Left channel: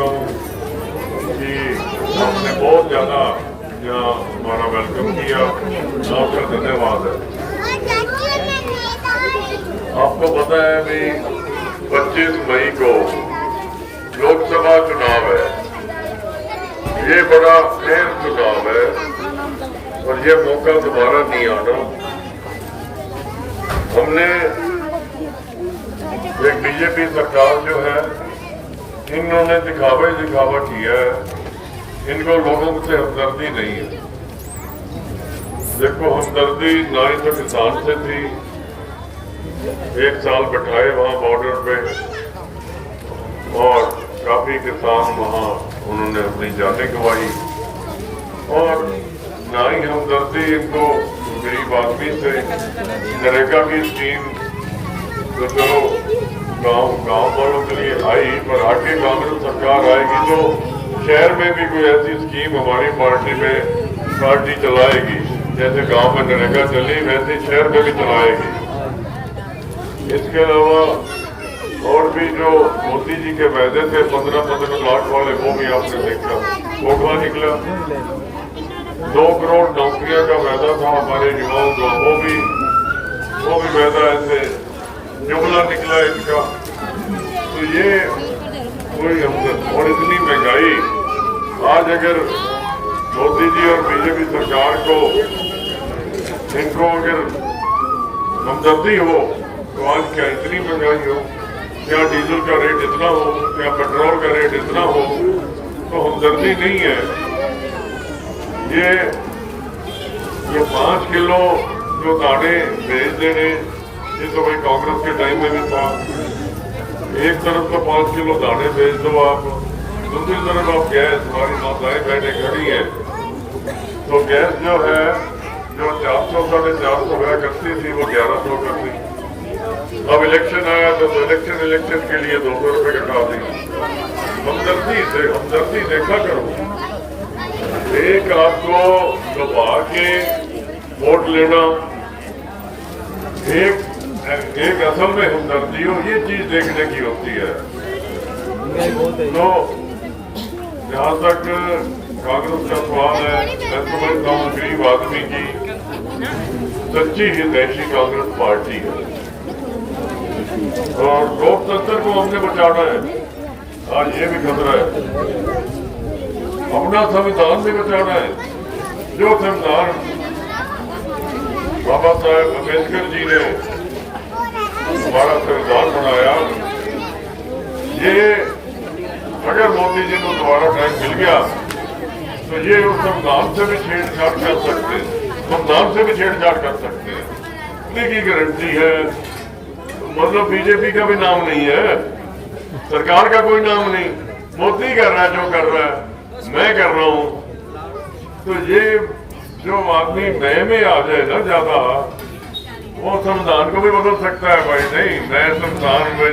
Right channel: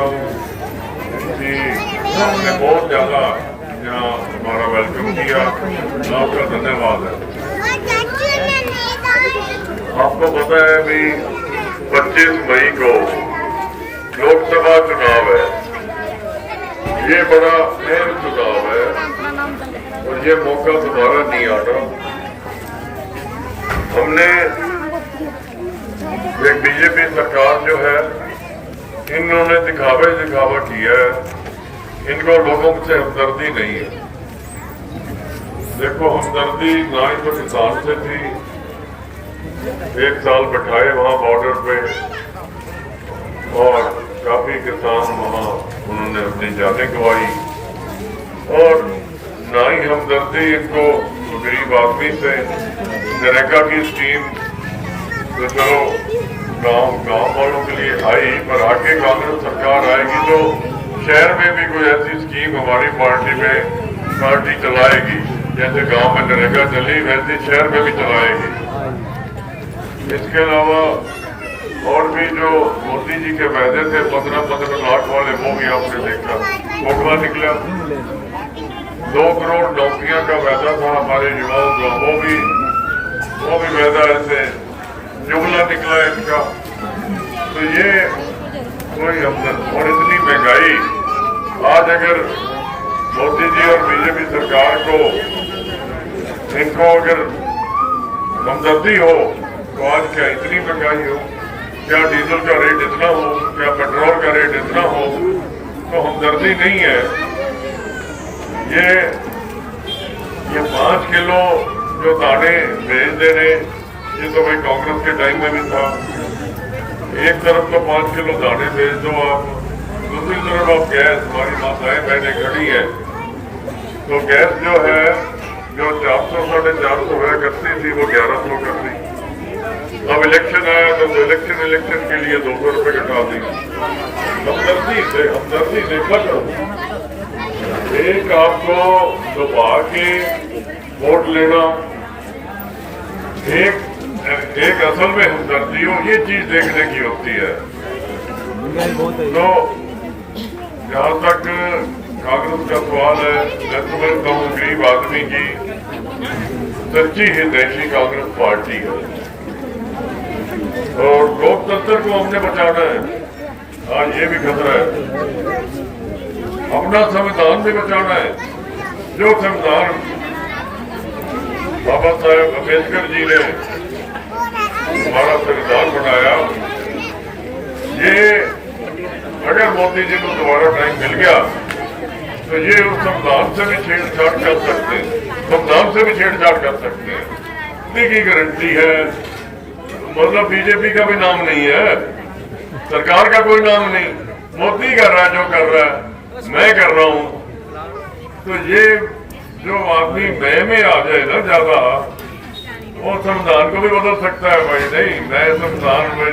करता हूँ कि आपने बहुत ज़्यादा यहाँ हमारा वेलकम किया, आपका धन्यवाद है। आपको पता है अभी 25 मई को लोकसभा चुनाव है, ये बड़ा अहम चुनाव है और ये मौका दोबारा नहीं आना। हमने एक बीजेपी सरकार जो है, इन्होंने दिखावा किया है, इनको लोगों से हमदर्दी नहीं है। देखो हमदर्दी ना ही तो किसान से थी, 1 साल बैठाए वहां बॉर्डर पे और काफी किसान वहां उन्होंने अपनी जानें गंवाई, और ना ही हमदर्दी इनको गरीब आदमी से। नरेगा की स्कीम तो चलो गांव वालों के लिए आई, पर आगे कांग्रेस सरकार आएगी तो शहर में भी कोई ऐसी स्कीम हमारी पार्टी चलाएगी, जैसे गांव में नरेगा चली वैसे शहर में भी चलाएगी। इसके अलावा और भी जो मोदी जी के वायदे थे 15-15 लाख वाले, वो भी आपने देखा धोखा निकला। 2 करोड़ नौकरियां का वायदा था हमारे युवाओं को, वो भी वायदा ऐसे जुमला निकला इसका। तो ये कोई और इतनी महंगाई, आज अगर मोदी जी और बीजेपी सरकार को इनको अगर हमदर्दी हो तो आज क्या इतनी महंगाई हो, क्या डीजल का रेट इतना हो, क्या पेट्रोल का रेट इतना हो, तो हमदर्दी नहीं है। ये 5 किलो जो दाने भेज देने, ये तो भाई कांग्रेस के टाइम में भी था। एक तरफ तो 5 किलो दाने भेज दो आप, दूसरी तरफ आप गैस, हमारी माताएं बहनें खड़ी है तो गैस जो है जो 400-450 हुआ करती थी वो 1100 कर दी। अब इलेक्शन आया तो इलेक्शन के लिए 200 रुपए कटा दी। हमदर्दी देखा करो। एक आपको दबा के वोट लेना, एक असल में हमदर्दी हो, ये चीज देखने की होती है। तो जहाँ तक कांग्रेस का सवाल है, मैं समझता हूँ गरीब आदमी की सच्ची हितैषी कांग्रेस पार्टी है और लोकतंत्र को हमने बचाना है। आज ये भी खतरा है, अपना संविधान भी बचाना है। जो संविधान बाबा साहेब अम्बेडकर जी ने हमारा संविधान बनाया, ये अगर मोदी जी को दोबारा टाइम मिल गया तो ये उस संविधान से भी छेड़छाड़ कर सकते हैं, संविधान से भी छेड़छाड़ कर सकते हैं। इतनी की गारंटी है। मतलब बीजेपी का भी नाम नहीं है, सरकार का कोई नाम नहीं, मोदी कर रहा है जो कर रहा है, मैं कर रहा हूं। तो ये जो आदमी में आ जाए ना ज्यादा, वो संविधान को भी बदल सकता है। भाई नहीं, मैं संविधान में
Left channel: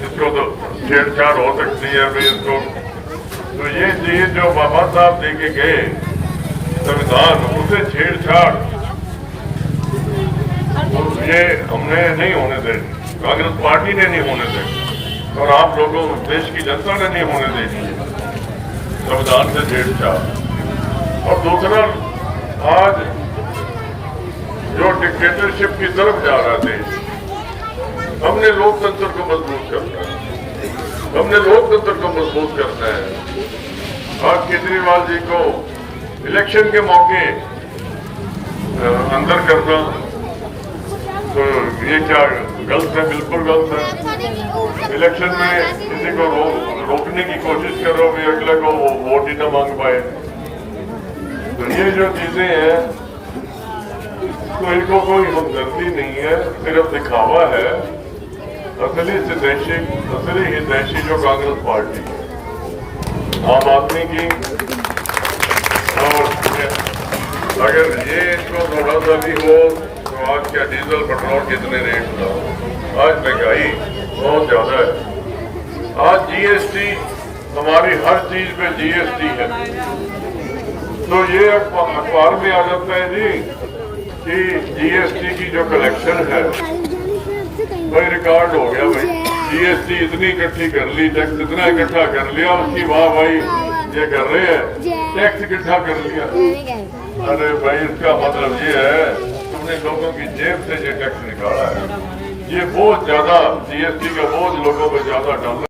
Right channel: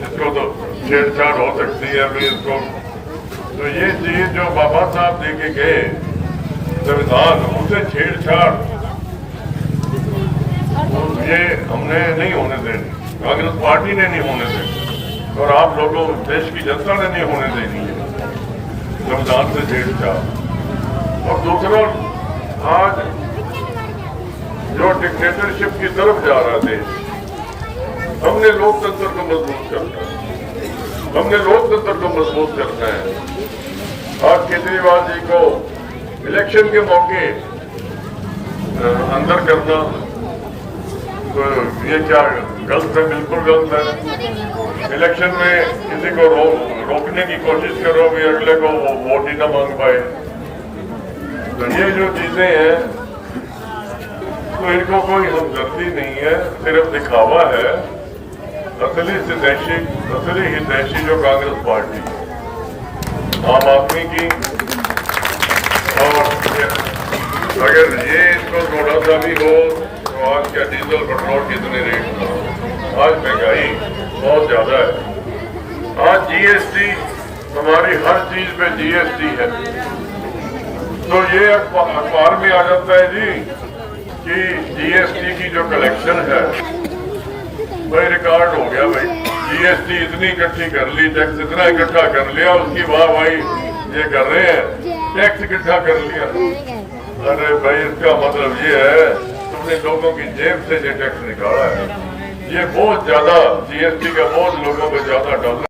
इसको तो छेड़छाड़ हो सकती है फिर इसको। तो ये चीज जो बाबा साहब देके गए संविधान, उसे छेड़छाड़ ये हमने नहीं होने देनी, कांग्रेस पार्टी ने नहीं होने देनी और आप लोगों देश की जनता ने नहीं होने देनी संविधान से छेड़छाड़। और दूसरा, आज जो डिक्टेटरशिप की तरफ जा रहा देश, हमने लोकतंत्र को मजबूत करना है, हमने लोकतंत्र को मजबूत करना है। आज केजरीवाल जी को इलेक्शन के मौके अंदर करना, तो ये क्या गलत है? बिल्कुल गलत है। इलेक्शन में किसी को रोकने की कोशिश करो कि अगले को वोट ही ना मांग पाए, तो ये जो चीजें हैं, तो इनको कोई हमदर्दी नहीं है, सिर्फ दिखावा है। असली हितैषी जो कांग्रेस पार्टी है आम आदमी की, और अगर ये इनको थोड़ा सा भी हो तो आज क्या डीजल पेट्रोल कितने रेट था? आज महंगाई बहुत ज्यादा है। आज जीएसटी, हमारी हर चीज पे जीएसटी है। तो ये अखबार में आ जाता है जी कि जीएसटी की जो कलेक्शन है भाई रिकॉर्ड हो गया भाई, जीएसटी इतनी इकट्ठी कर ली, टैक्स इतना इकट्ठा कर लिया, उसकी वाह भाई ये कर रहे हैं, टैक्स इकट्ठा कर लिया। अरे भाई इसका मतलब ये है तुमने लोगों की जेब से ये टैक्स निकाला है। ये बहुत ज्यादा जीएसटी का बोझ लोगों पे ज्यादा डाला,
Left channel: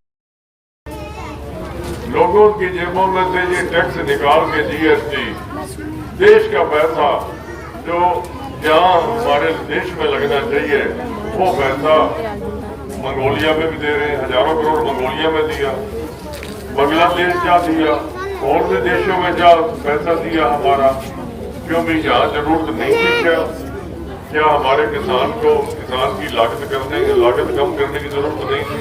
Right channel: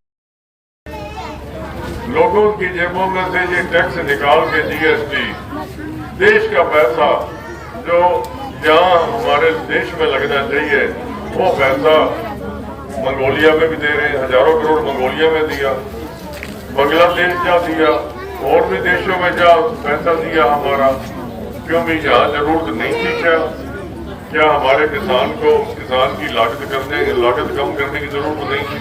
लोगों की जेबों में से ये टैक्स निकाल के जीएसटी, देश का पैसा जो जहाँ हमारे देश में लगना चाहिए वो पैसा मंगोलिया में भी दे रहे हैं, हजारों करोड़ मंगोलिया में दिया, बांग्लादेश क्या दिया, और भी देशों में क्या पैसा दिया हमारा, क्यों भी यहाँ जरूरत नहीं थी? क्या हमारे किसान की लागत कम करने की जरूरत नहीं थी?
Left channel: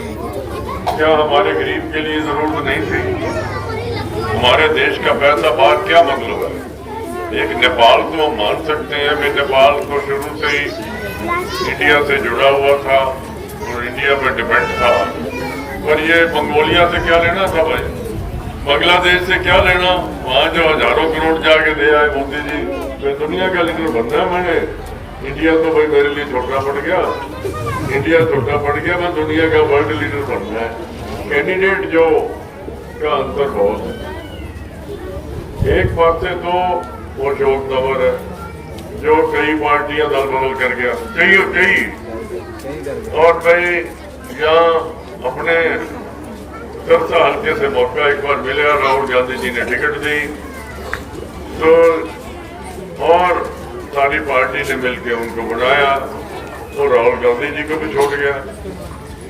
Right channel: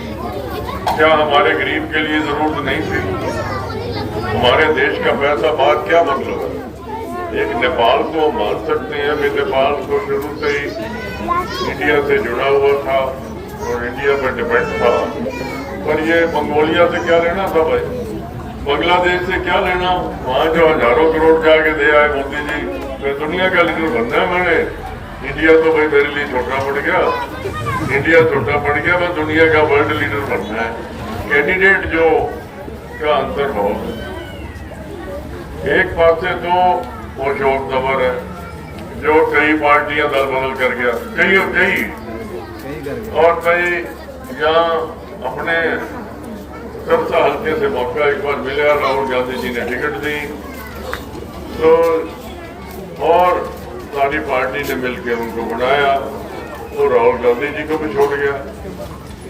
क्या हमारे गरीब के लिए जरूरत नहीं थी? हमारे देश का पैसा बात क्या मतलब है? एक नेपाल को हम मान सकते हैं कि नेपाल को शुरू से ही इंडिया से जुड़ा हुआ था और इंडिया पर डिपेंड था, पर ये मंगोलिया से क्या लेना था भाई, बांग्लादेश से क्या लेना? वहाँ जो हजारों करोड़ जाके दे आए मोदी जी, तो दुनिया का लीडर बनना है मैंने। इंडिया तो भाई मेरे लिए छोटा पड़ गया, इंडिया छोटा पड़ गया, मैं दुनिया का वर्ल्ड लीडर बनना है। कैंडिडेट जो का अंतर बहुत है। एक पास से तो वो अशोक तंवर है जो कई पार्टियां दल बदल कर गया, और कई यहाँ अपने सरसा हल्के से मौका एक बार मिला, राहुल गांधी जी ने टिकट दी तो, और सारी पार्टी ने मिलकर उनको बनाया, और राहुल गांधी जी को भी छोड़ गया।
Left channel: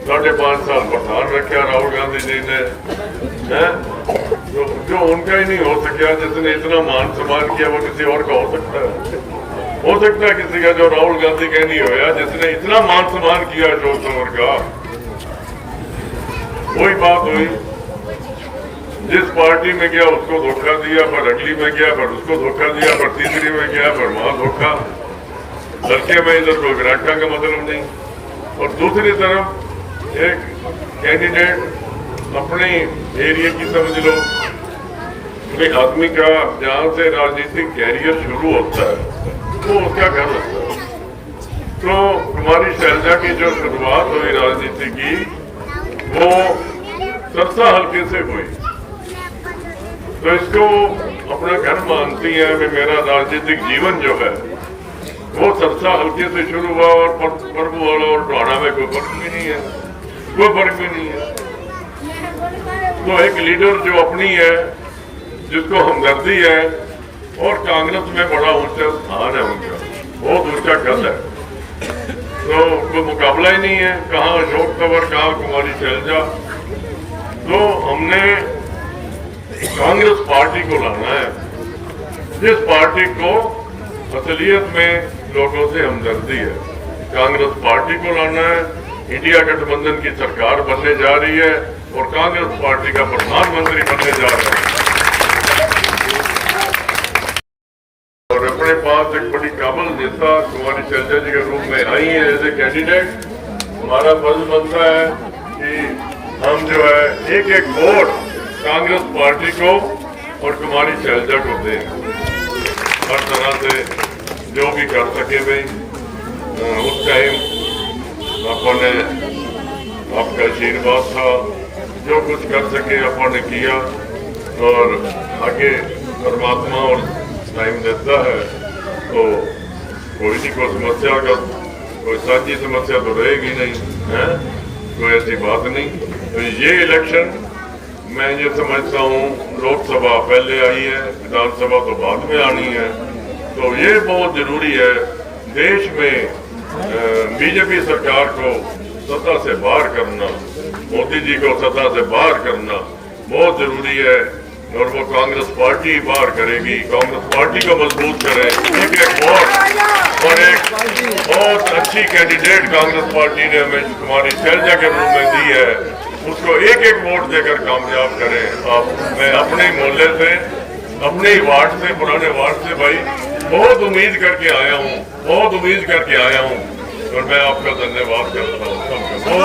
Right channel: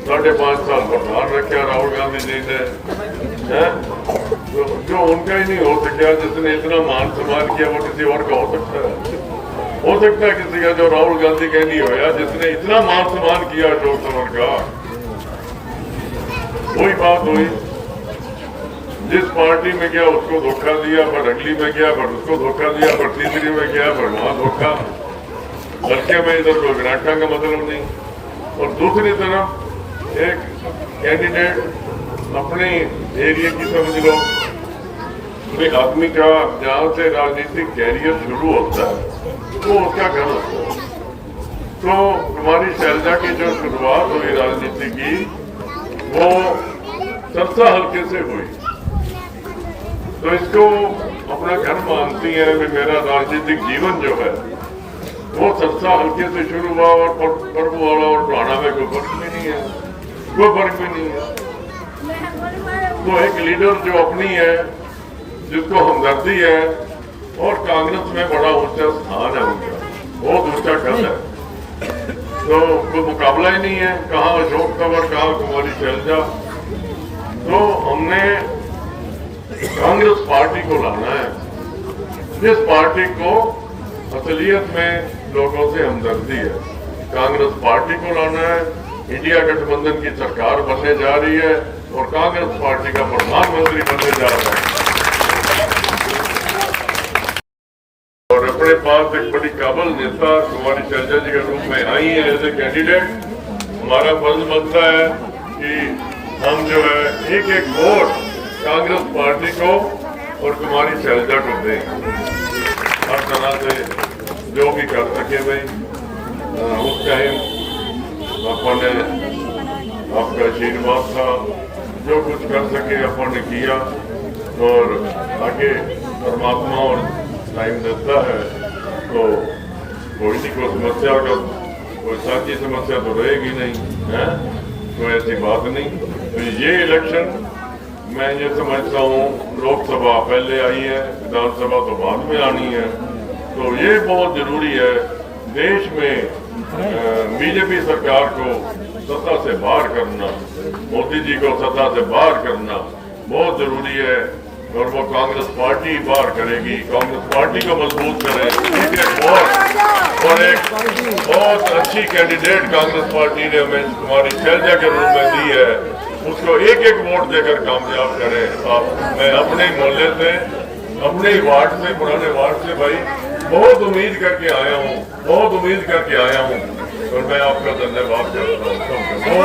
5.5 साल प्रधान रखा राहुल गांधी जी ने, तो जो उनका ही नहीं हो सका, जिसने इतना मान सम्मान किया वो किसी और का हो सकता है? हो सकता है किसी का जो राहुल गांधी का नहीं होया, जिसने इतना मान सम्मान किया अशोक तंवर का। वही बात हुई, जिस पार्टी में गया उसको धोखा दिया, पर अगली में गया पर उसको धोखा दिया, पर तीसरी में गया पर वहां धोखा, लड़के में इधर तो ग्रांटा का मतलब नहीं। और दूसरी तरफ एक कैंडिडेट अपने एरिया की समझ लो, आदमी का जहाँ से राजनीतिक कैरियर शुरू होता है वो उसका घर लगता है। तो कुमारी शैलजा की जो शुरुआत हुई राजनीति की वो सरसा हल्के से हुई, तो इसको अपना घर मानती है कि मेरा राजनीतिक जीवन जो है वो सरसा हल्के से शुरू हुआ, और परबुआला और टोहाना में कोई फर्क भी नहीं है, कोई फर्क भी नहीं है। तो एक लीडर जो अपनी है, जिसको हमदर्दी है, और कांग्रेस में बड़ा ऊंचा स्थान है उनका, वो दूसरा कल है, तो कोई मुकाबला ही नहीं है, कहाँ अशोक तंवर, कहाँ कुमारी शैलजा। तो हमने कांग्रेस पार्टी को लाना है, जिस पार्टी को असलियत में लोगों से हमदर्दी है, कांग्रेस पार्टी को लाना है। इंडिया गठबंधन की सरकार बनने जा रही है और कांग्रेस पार्टी का प्रधानमंत्री बनने जा रहा है, और अपने पास एक बड़ी काबिल नेता कुमारी शैलजा जी के रूप में आई है एज ए कैंडिडेट। हमारा फर्ज बनता है कि हम जो है एक एक वोट कांग्रेस पार्टी को और कुमारी शैलजा को दें, हर तरह से जो भी कर सके भाई। उस टाइम अपने आपका आशीर्वाद था, जो कुछ कर सके अपने किया, और आगे परमात्मा और टाइम देता है तो कोई नहीं, कोई समस्या का कोई साझी समस्या तो रहेगी नहीं है, कोई ऐसी बात नहीं। तो ये इलेक्शन मैं ये समझता हूँ, लोकसभा पहले आई है, विधानसभा तो बाद में आनी है, तो ये बहुत जरूरी है देश में बीजेपी सरकार को सत्ता से बाहर करना, मोदी जी को सत्ता से बाहर करना बहुत जरूरी है, और वो कांग्रेस पार्टी बाहर करेगी, कांग्रेस पार्टी को मजबूत करे। एक और एक बहुत अच्छी कैंडिडेट कांग्रेस पार्टी ने हमें कुमारी शैलजा के रूप में दी है, उसको एक एक वोट देकर कामयाब करें। आप मैं अपने मोहल्ले से, अपने ही वार्ड से, पुराने वार्ड से भाई बहुत उम्मीद करके आया हूँ, बहुत उम्मीद करके आया हूँ, और मैं आपका धन्यवाद करता हूँ।